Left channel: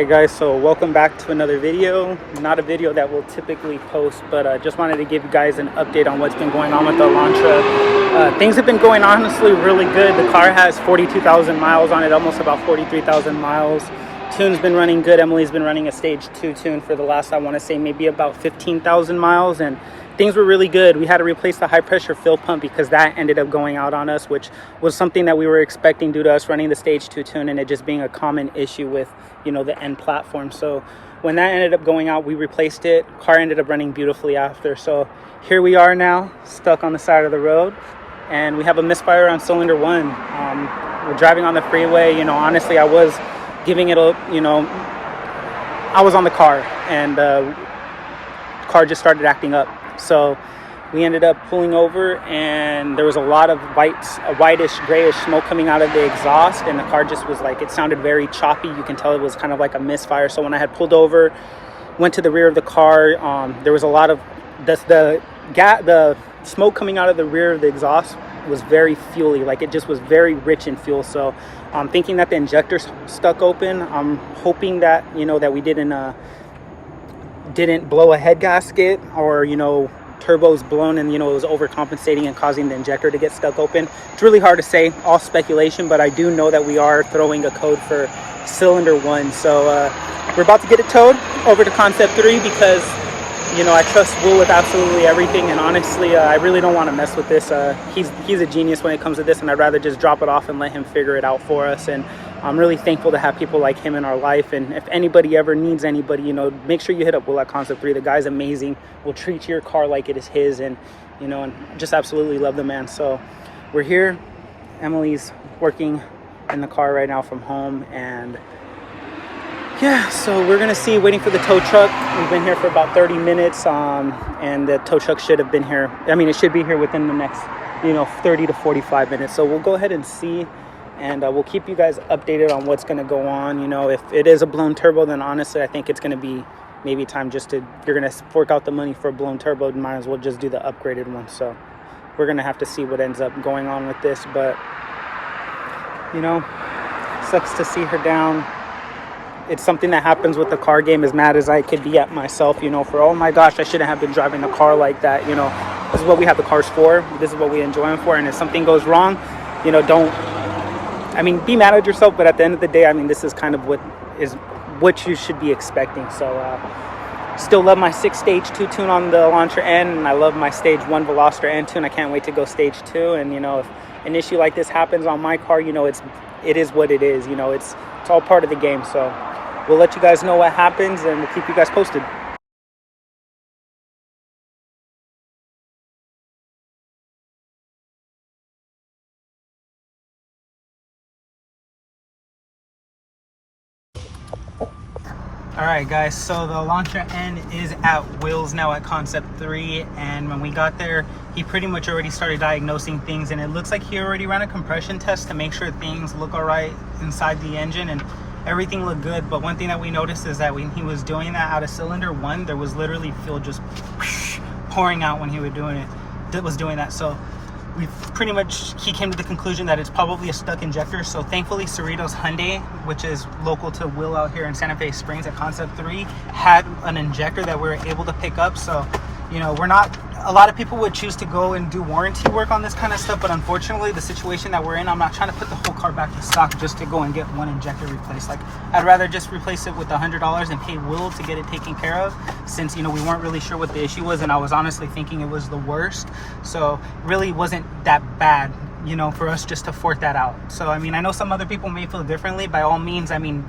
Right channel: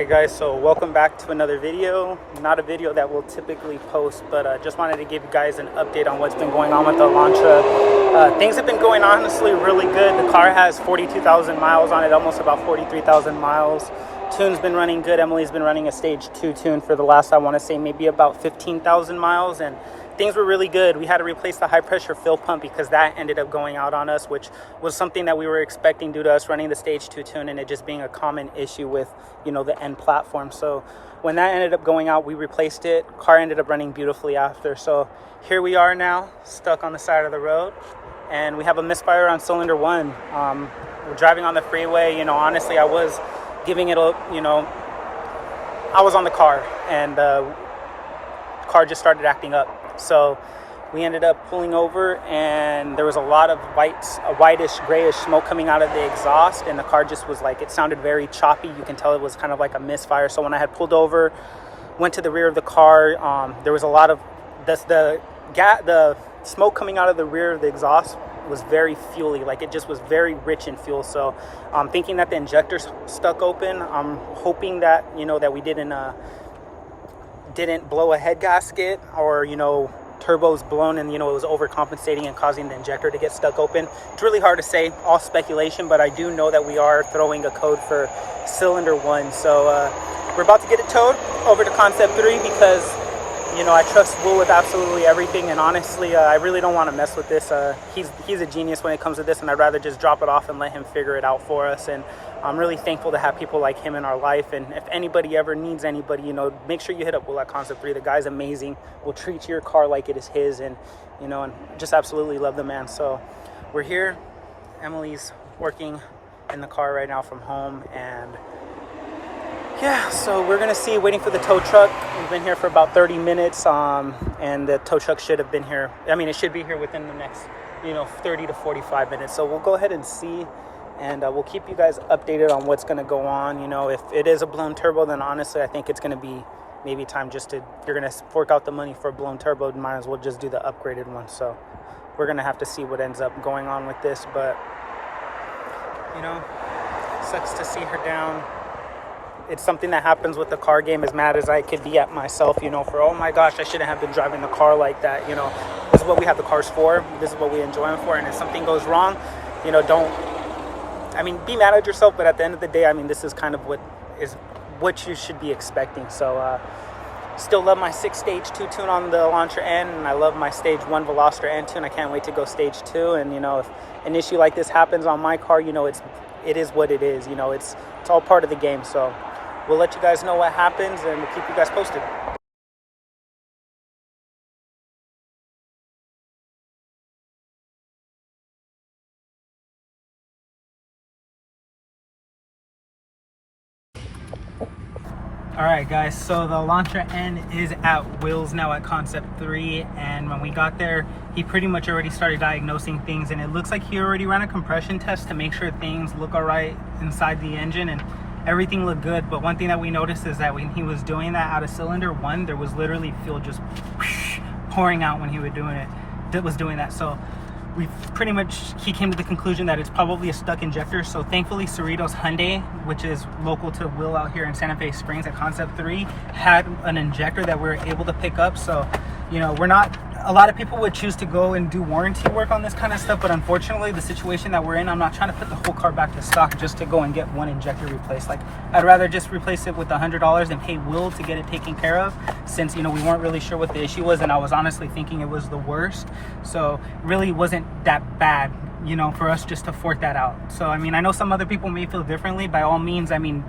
Alright guys, so welcome back to another video. Not a video that we'll typically post, but just wanted to give you guys an update on what's been going on with the Elantra. Things have been going honestly really good. The car has 42,000 miles on it, almost about 43,000 miles. Tune's been running good. Emily's been running a stage 2 tune for the last, I want to say, maybe about 15,000 miles, and things were really good. We had to replace the high pressure fill pump because that ended up going out on us, which was something that we were expecting due to us running the stage 2 tune and it just being a common issue with, you know, the N platform. So when that ended up going out, we replaced it. Car ended up running beautifully after. So here we are now, stuck on the side of the road, and we have a misfire on cylinder 1. We're driving on the freeway. You know, honestly, I was giving it a, you know, I was on the car, and car just started acting up. So we ended up pulling over, and there was a lot of whitish, grayish smoke coming out of the exhaust, and the car just was like, it sounded very choppy. You can tell it was kind of like a misfire. So when I had pulled over, went to the rear of the car, there was a lot of the smoke coming out of the rear of the exhaust was very fuely, like it just was very rich in fuel. So I'm thinking that the injector's stuck open. I'm hoping that, you know, that we didn't blow a head gasket, or, you know, turbo's blown and, you know, it was overcompensating and causing the injector to get stuck open. It's really hard to say, all speculation, but I do know that we are throwing a code for cylinder 1. So we're about to get it towed over to Concept 3 because, you know, I trust Will with absolutely everything, and honestly, I really don't want to mess with this. He's a genius when it comes to this, and I'd rather just drop it off and let him figure it out for us. And I'm really thankful to have people like him in our life. And if anybody ever needs anybody, you know, make sure you hit up Will at Concept 3. The guy's amazing. Will treat your car like it is his, and, you know, and just absolutely love the man. So we're here. Emily's working in the car right now from home, and yeah, so we're gonna see, waiting for the tow truck. We've been here for about 30 minutes, and the tow truck should have been here. I mean, it should be here within the next, you know, 30 to 45 minutes. So we'll go ahead and see, and we'll keep you guys updated on what's gonna go on. You know, if it is a blown turbo, then honestly, I think it's gonna be maybe time just to, you're gonna fork out the money for a blown turbo, you might as well just do the upgraded one. So we're gonna have to see what ends up going on with this, but, you know, sucks to see her down. It's something that happens with the car game, as mad as I could be at myself, you know, for, oh my gosh, I shouldn't have been driving the car like that. You know, this is what we have the cars for. This is what we enjoy them for. And if something goes wrong, you know, be mad at yourself. But at the end of the day, I mean, this is kind of what you should be expecting. So still love my 6-stage 2 tune on the Elantra N, and I love my stage 1 Veloster N tune. I can't wait to go stage 2. And, you know, if an issue like this happens on my car, you know, it is what it is. You know, it's all part of the game. So we'll let you guys know what happens, and we'll keep you guys posted. Alright guys, so the Elantra N is at Will's now at Concept 3, and when we got there, he pretty much already started diagnosing things, and it looks like he already ran a compression test to make sure things look alright inside the engine, and everything looked good. But one thing that we noticed is that when he was doing that out of cylinder 1, there was literally fuel just pouring out when he was doing that. So he came to the conclusion that it's probably a stuck injector. So thankfully, Cerritos Hyundai, which is local to Will out here in Santa Fe Springs at Concept 3, had an injector that we were able to pick up. So, you know, a lot of people would choose to go and do warranty work on this kind of stuff, but unfortunately, the situation that we're in, I'm not trying to put the whole car back to stock just to go and get one injector replaced. Like, I'd rather just replace it with $100 and pay Will to get it taken care of, since, you know, we weren't really sure what the issue was, and I was honestly thinking it was the worst. So it really wasn't that bad, you know, for us just to fork that out. So, I mean, I know some other people may feel differently. By all means, I mean,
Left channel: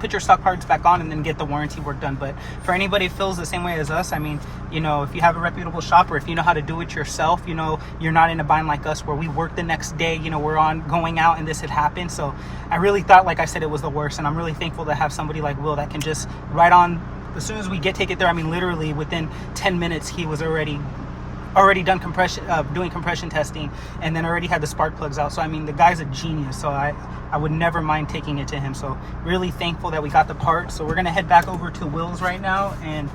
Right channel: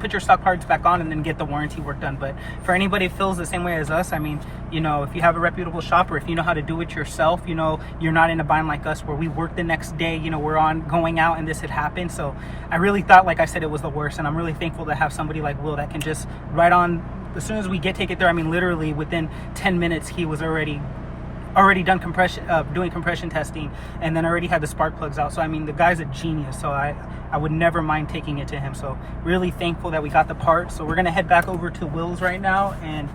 put your stock parts back on and then get the warranty work done. But for anybody who feels the same way as us, I mean, you know, if you have a reputable shop, or if you know how to do it yourself, you know, you're not in a bind like us where we work the next day, you know, we're going out and this had happened. So I really thought, like I said, it was the worst, and I'm really thankful to have somebody like Will that can just right on, as soon as we take it there, I mean, literally within 10 minutes, he was already done doing compression testing, and then already had the spark plugs out. So I mean, the guy's a genius, so I would never mind taking it to him. So really thankful that we got the part. So we're gonna head back over to Will's right now, and,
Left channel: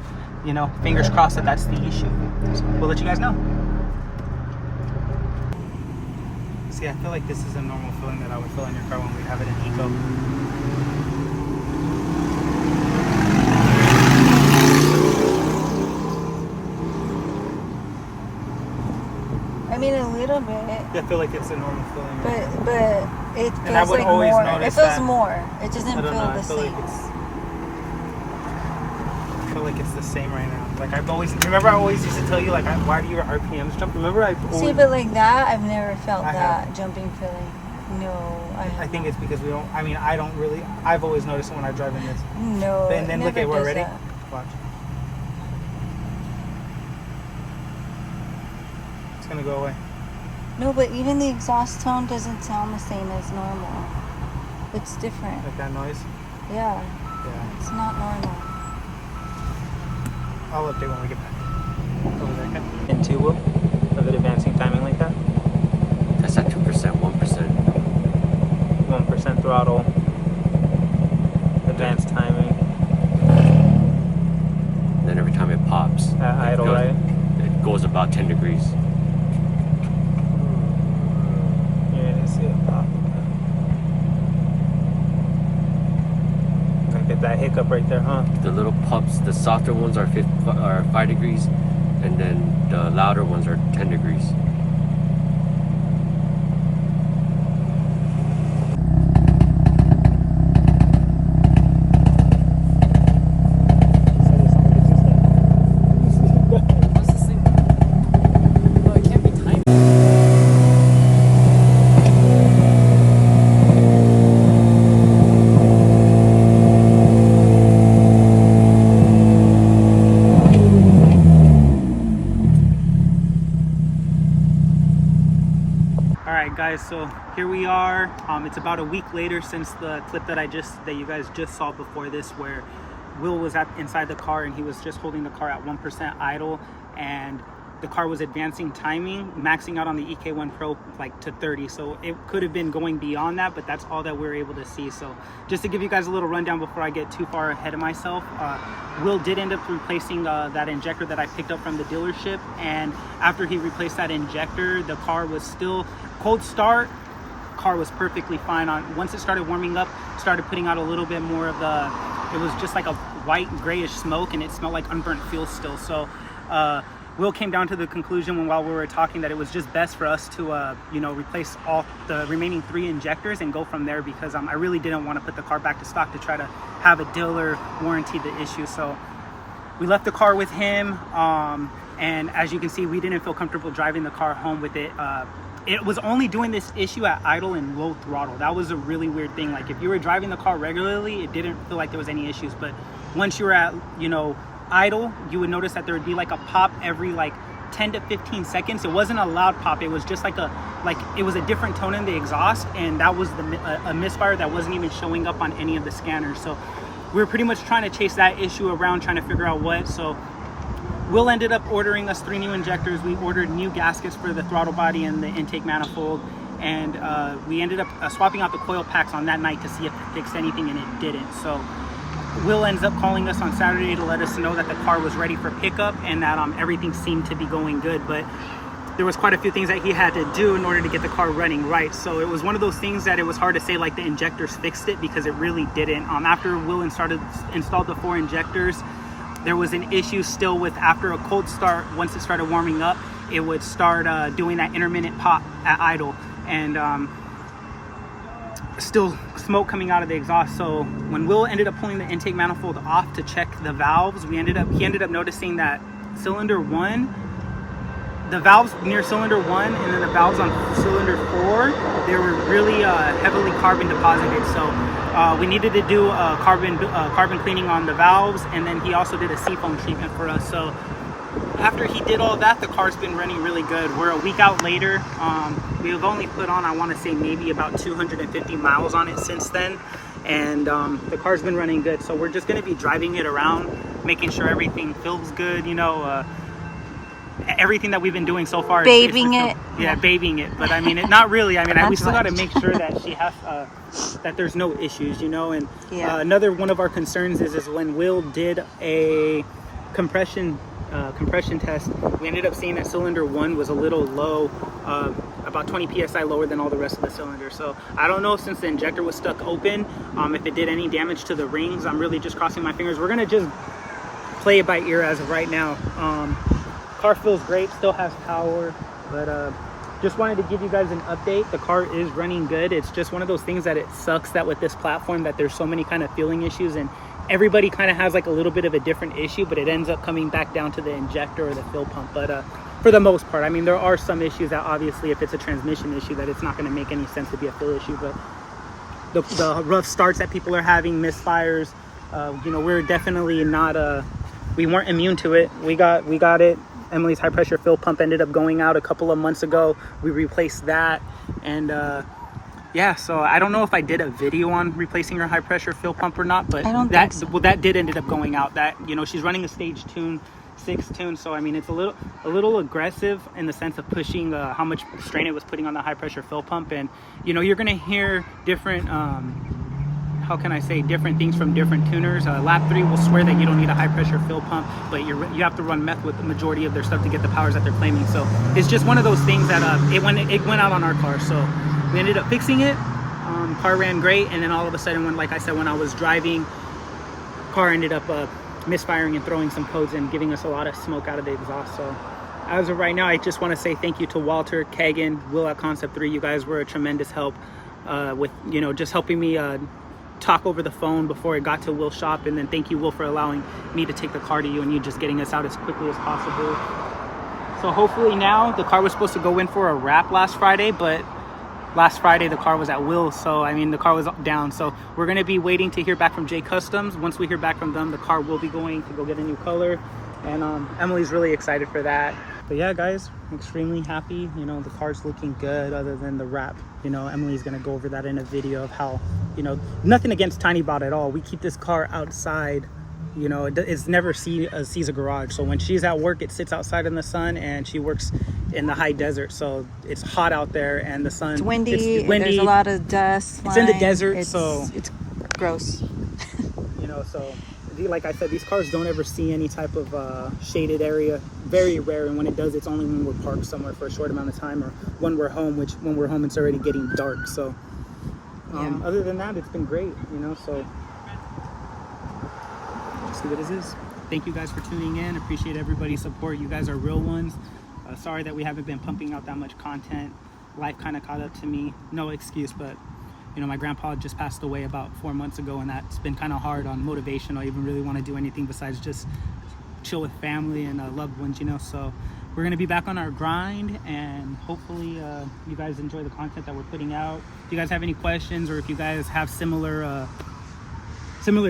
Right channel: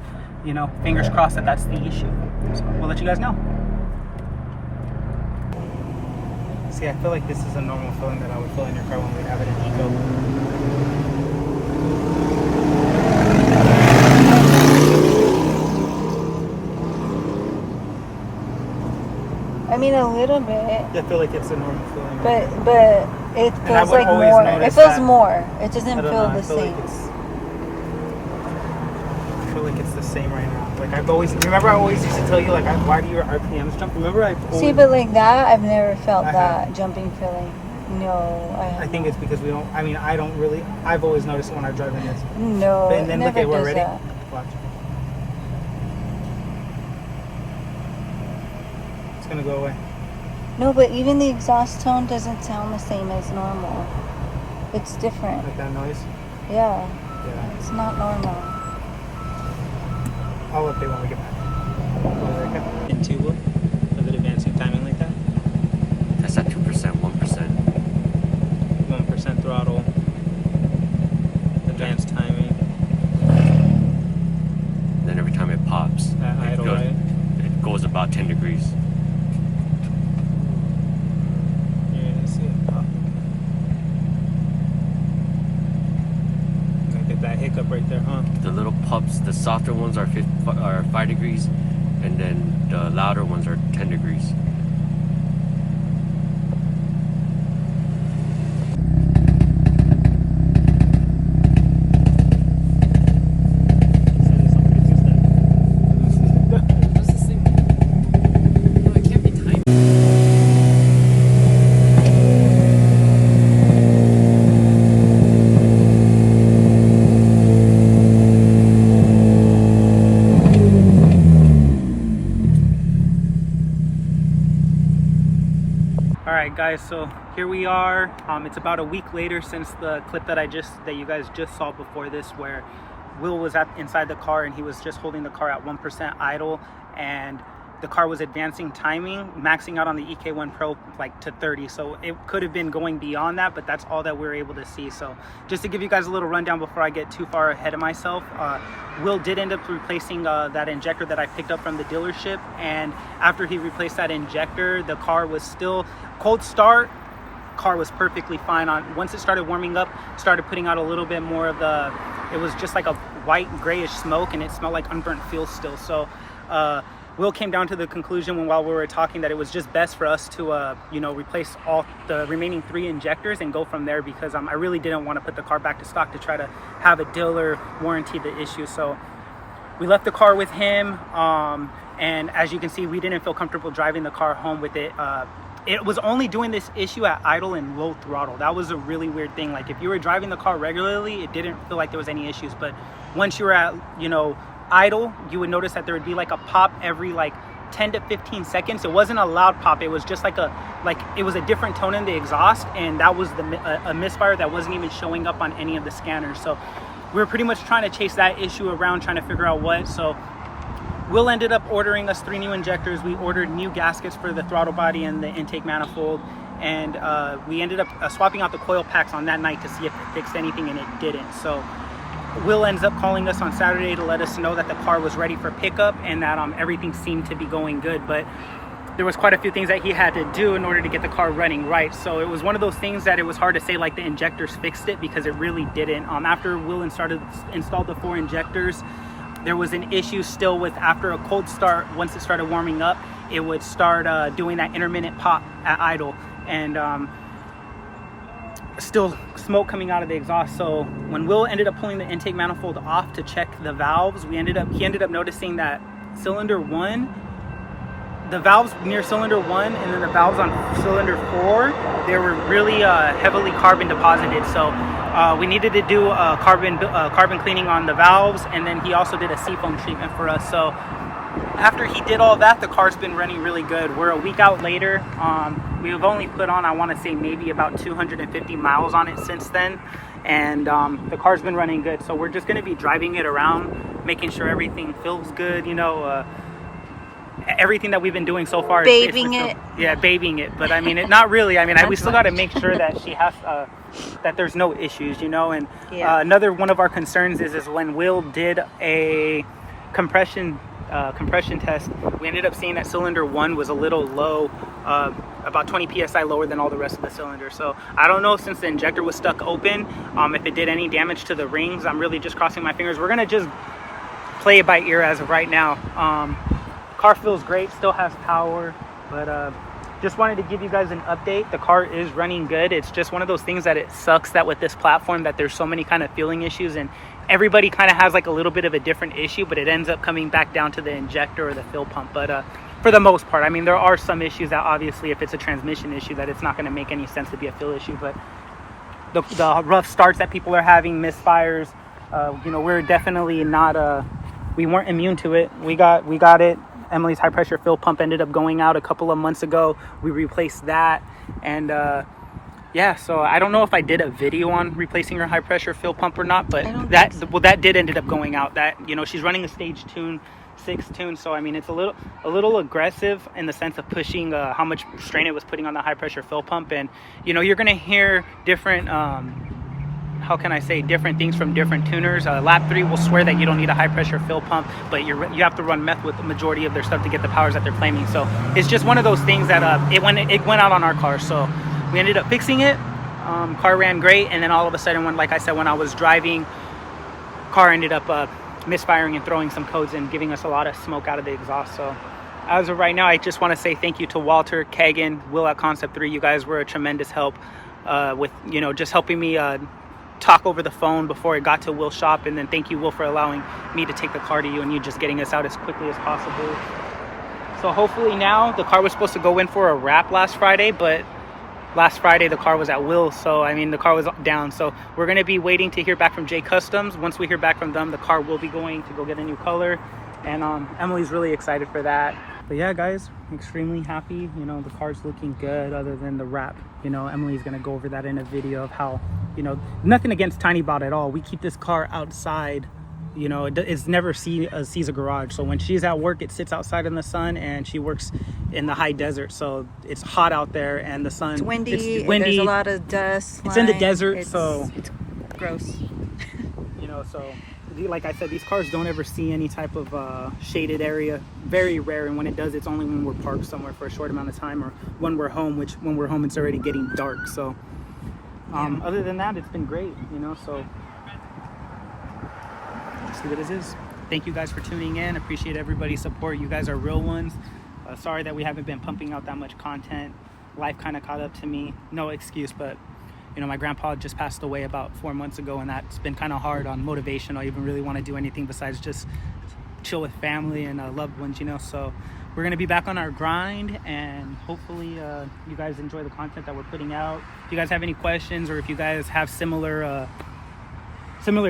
you know, fingers crossed that that's the issue. So we'll let you guys know. See, I feel like this is a normal feeling that I would feel in your car when we have it in Eco. mean, a little bit. I feel like it's a normal feeling. But it feels like more. It feels more. It doesn't feel the same. I feel like it's the same right now. Like I always used to tell you like why do your RPMs jump? Remember See, but like that, I've never felt that jumping feeling. No, I think it's because we don't. I mean, I don't really. I've always noticed it when I'm driving this. No, and then look at we're ready. That. Watch. It's gonna go away. No, but even the exhaust tone doesn't sound the same as normal. It's different. Like that noise? Yeah. It's not normal. I'll update when we get back. Over there, okay? And 2 wheel of it advancing timing like that? That's at 2%, 1%. 1% throttle. Advanced timing. And then every time it pops. At idle, right? It goes about 10 degrees. You're gonna see it pop. Gonna get that hiccup right there, huh? The little pups, the softer ones are 5 degrees, and then the louder ones are 10 degrees. Guys, so here we are. It's about a week later since the clip that you guys just saw before this, where Will was inside the car and he was just holding the car at 1% idle, and the car was advancing timing, maxing out on the EK1 Pro like to 30. So it could have been going beyond that, but that's all that we were able to see. So just to give you guys a little rundown before I get too far ahead of myself, Will did end up replacing that injector that I picked up from the dealership, and after he replaced that injector, the car was still cold start. Car was perfectly fine. Once it started warming up, started putting out a little bit more of it was just like a white grayish smoke, and it smelled like unburnt fuel still. So Will came down to the conclusion while we were talking that it was just best for us to replace all the remaining 3 injectors and go from there, because I really didn't want to put the car back to stock to try to have a dealer warranty the issue. So we left the car with him, and as you can see, we didn't feel comfortable driving the car home with it. It was only doing this issue at idle and low throttle. That was a really weird thing. Like if you were driving the car regularly, it didn't feel like there was any issues, but once you were at idle, you would notice that there would be like a pop every like 10 to 15 seconds. It wasn't a loud pop, it was just like it was a different tone in the exhaust, and that was a misfire that wasn't even showing up on any of the scanners. So we were pretty much trying to chase that issue around, trying to figure out what. So Will ended up ordering us 3 new injectors. We ordered new gaskets for the throttle body and the intake manifold, and we ended up swapping out the coil packs on that night to see if it fixed anything, and it didn't. So Will ends up calling us on Saturday to let us know that the car was ready for pickup and that everything seemed to be going good, but there was quite a few things that he had to do in order to get the car running right. So it was one of those things that it was hard to say like the injectors fixed it, because it really didn't. After Will installed the 4 injectors, there was an issue still with, after a cold start, once it started warming up, it would start doing that intermittent pop at idle, and still smoke coming out of the exhaust. So when Will ended up pulling the intake manifold off to check the valves, he ended up noticing that cylinder 1, the valves near cylinder 1 and then the valves on cylinder 4, they were really heavily carbon deposited. So we needed to do a carbon cleaning on the valves, and then he also did a seafoam treatment for us. So after he did all that, the car's been running really good. We're a week out later. We have only put on, I want to say, maybe about 250 miles on it since then, and the car's been running good. So we're just going to be driving it around, making sure everything feels good, everything that we've been doing so far. Babying it. Yeah, babying it. But I mean, not really. I mean, we still got to make sure that she has, that there's no issues, and another one of our concerns is when Will did a compression test, we ended up seeing that cylinder 1 was a little low, about 20 psi lower than all the rest of the cylinders. So I don't know, since the injector was stuck open, if it did any damage to the rings. I'm really just crossing my fingers. We're gonna just play it by ear as of right now. Car feels great, still has power, but just wanted to give you guys an update. The car is running good. It's just one of those things that it sucks that with this platform that there's so many kind of fueling issues, and everybody kind of has like a little bit of a different issue, but it ends up coming back down to the injector or the fill pump. But for the most part, I mean, there are some issues that obviously if it's a transmission issue that it's not going to make any sense to be a fill issue, but the rough starts that people are having, misfires, you know, we're definitely not we weren't immune to it. We got it. Emily's high pressure fill pump ended up going out a couple of months ago. We replaced that, and yeah, so I don't know if I did a video on replacing her high pressure fill pump or not, but that did ended up going out. That, you know, she's running a stage tune 6 tune, so I mean it's a little aggressive in the sense of pushing how much strain it was putting on the high pressure fill pump. And you know, you're gonna hear different how can I say, different things from different tuners. Lap 3 will swear that you don't need a high pressure fill pump, but you have to run meth with the majority of their stuff to get the powers that they're claiming. So it's just one of those things that it went out on our car, so we ended up fixing it. Car ran great, and then all of a sudden, when I was driving, car ended up misfiring and throwing some codes and giving us a lot of smoke out of the exhaust. So as of right now, I just want to say thank you to Walter, Kegan, Will at Concept 3. You guys were a tremendous help with, you know, just helping me talk over the phone before it got to Will's shop. And then thank you, Will, for allowing me to take the car to you and you just getting us out as quickly as possible. So hopefully now, the car was supposed to go in for a wrap last Friday, but last Friday the car was at Will's, so I mean the car was down. So we're going to be waiting to hear back from J Customs. Once we hear back from them, the car will be going to go get a new color, and Emily's really excited for that. But yeah, guys, I'm extremely happy. You know, the car's looking good other than the wrap. You know, Emily's going to go over that in a video of how, you know, nothing against Tiny Bot at all. We keep this car outside. You know, it's never sees a garage. So when she's at work, it sits outside in the sun, and she works in the high desert. So it's hot out there, and the sun. It's windy. There's a lot of dust. It's in the desert, so it's gross. You know, so like I said, these cars don't ever see any type of shaded area. Very rare, and when it does, it's only when we're parked somewhere for a short amount of time, or when we're home. Which when we're home, it's already getting dark. So other than that, it's been great. You know, so. See what it is. Thank you guys for tuning in. Appreciate everybody's support. You guys are real ones. Sorry that we haven't been pumping out that much content. Life kind of caught up to me. No excuse, but you know, my grandpa just passed away about 4 months ago, and that's been kind of hard on motivation. I even really want to do anything besides just chill with family and loved ones, you know. So we're gonna be back on our grind, and hopefully you guys enjoy the content that we're putting out. If you guys have any questions, or if you guys have similar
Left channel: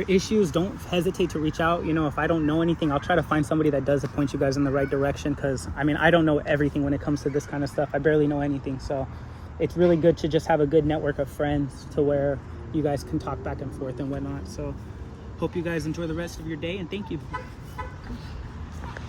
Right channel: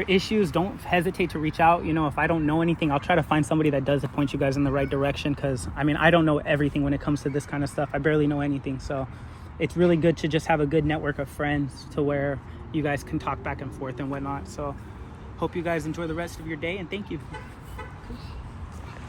issues, don't hesitate to reach out. You know, if I don't know anything, I'll try to find somebody that does to point you guys in the right direction, because I mean, I don't know everything when it comes to this kind of stuff. I barely know anything, so it's really good to just have a good network of friends to where you guys can talk back and forth and whatnot. So hope you guys enjoy the rest of your day, and thank you.